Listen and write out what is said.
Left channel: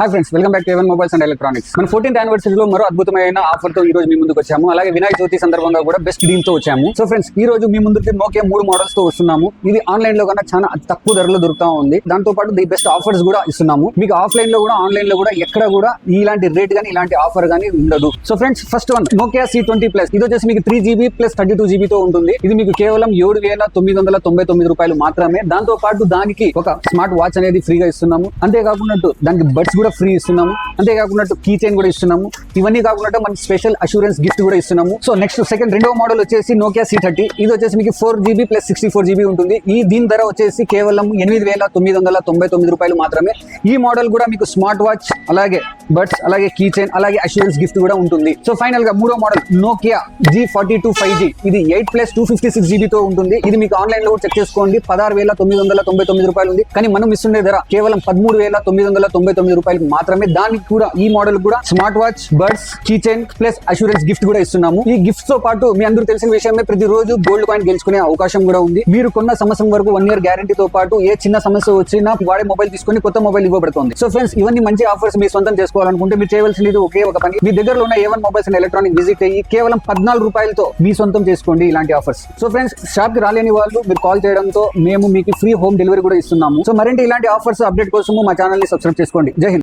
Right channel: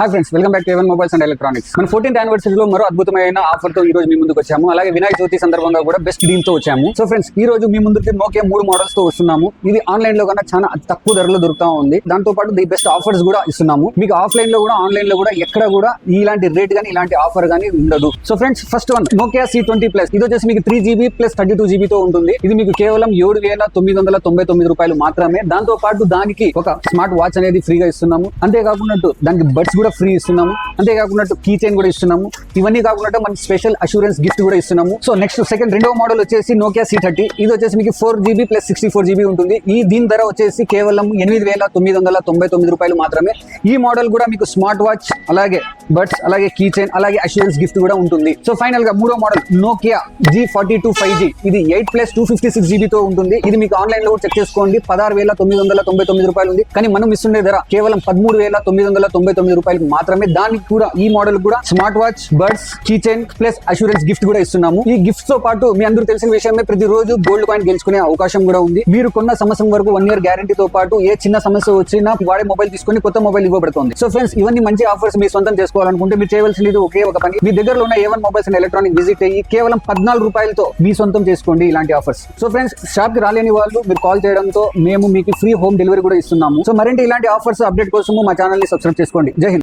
Hi friends, welcome back to A1 mobiles and electronics. మన 14th యానివర్సరీలో మరో అద్భుతమైన offer తో ఈ రోజు మీ ముందుకు వచ్చాము. అలాగే వినాయక చవితి సందర్భంగా కూడా బెస్ట్ డీల్ తో వచ్చాము. సో ఫ్రెండ్స్, ఈ రోజు మీ ముందుకి నోకియా 3 మోడల్స్ తో వస్తున్నాము. ఇది ఆన్లైన్ లో కన్నా చాలా తక్కువ ధరలో దొరుకుతా ఉంది. దాంతో పాటు ది బెస్ట్ ఆఫర్స్ కూడా ఇస్తున్నాము. మీకు ఆఫ్లైన్ లో కూడా ఆన్లైన్ లో కూడా ఎక్కడ కూడా ఇలాంటి రేట్ గానీ ఇలాంటి ఆఫర్ గానీ ఉండదు. So friends, first one Nokia C20 Plus. ఇది వచ్చేసి మీకు 3GB ప్లస్ 32GB తో ఉంటుంది. ఇది మీకు కేవలం 7,999 రూపాయలు మాత్రమే. దాంతో పాటు దానికి ఒక స్మార్ట్ వాచ్ అనేది ఫ్రీగా ఇస్తున్నాము. అంతేకాకుండా దానికి బడ్స్ కూడా ఫ్రీ ఇస్తున్నాము. అంతేకాకుండా కీ చైన్ కూడా ఇస్తున్నాము. ఇవన్నీ కాకుండా మన స్పెషల్ అష్యూరెన్స్ గిఫ్ట్ కూడా ఇస్తున్నాము. సో నెక్స్ట్ రెండో మోడల్ వచ్చేసి నోకియా C30. ఇది వచ్చేసి మీకు 4GB ప్లస్ 64GB ఉంటుంది. దీని ధర వచ్చేసి కేవలం 8,999 రూపాయలు మాత్రమే. ఈ మోడల్ కూడా మీకు స్మార్ట్ వాచ్, అలాగే బడ్స్, అలాగే కీ చైన్, అలాగే అష్యూరెన్స్ గిఫ్ట్ కూడా ఉంటుంది. సో ఫైనల్ గా మూడో మోడల్ నోకియా G42 5G. ఇది 8 ప్లస్ 256GB తో ఉంటుంది. ఇది మీకు ఆన్లైన్ లో చెక్ చేసుకోండి, 16,999 రూపాయలు ఉంది. కానీ మనం ఇస్తుండే ధర కేవలం 13,999 రూపాయలు మాత్రమే. దానికి కూడా ఈ మోడల్ కూడా smart watch, buds, key chain plus assurance gift కూడా ఇస్తున్నాము. ఈ గిఫ్ట్స్ తో పాటు మీ అందరూ తెలిసిన విషయమే, ప్రతిరోజు గోల్డ్ కాయిన్ గెలుచుకునే అవకాశం కూడా ఉంది. మీరు కొన్న సంవత్సరం వరకు 1 year గ్యారంటీతో పాటు ఏ చిన్న సమస్య వచ్చినా వాడే మొబైల్ తీసుకుని కొత్త మొబైల్ ఇవ్వబడుతుంది. సో ఫ్రెండ్స్, ఇవన్నీ మంచి ఆఫర్స్ మీ సొంతం చేసుకోవాలనుకుంటే మీరు చేయవలసింది ఒకే ఒక పని. మీ దగ్గరలో ఉన్న A1 mobiles and electronic visit అయ్యి కేవలం 14 రూపాయలతో మీ సొంతం చేసుకోండి ఇలాంటి ఆఫర్స్. సో ఫ్రెండ్స్, షాప్ కి రాలేని వాళ్ళు మీరు కాల్ చేయడంతో మేము మీకు ఫ్రీ హోమ్ డెలివరీ కూడా ఇస్తున్నాము. సో మరింటి ఇలాంటి ఆఫర్స్ అప్డేట్ కోసం మా ఛానల్ ని సబ్స్క్రైబ్ చేసుకోండి. జై హింద్.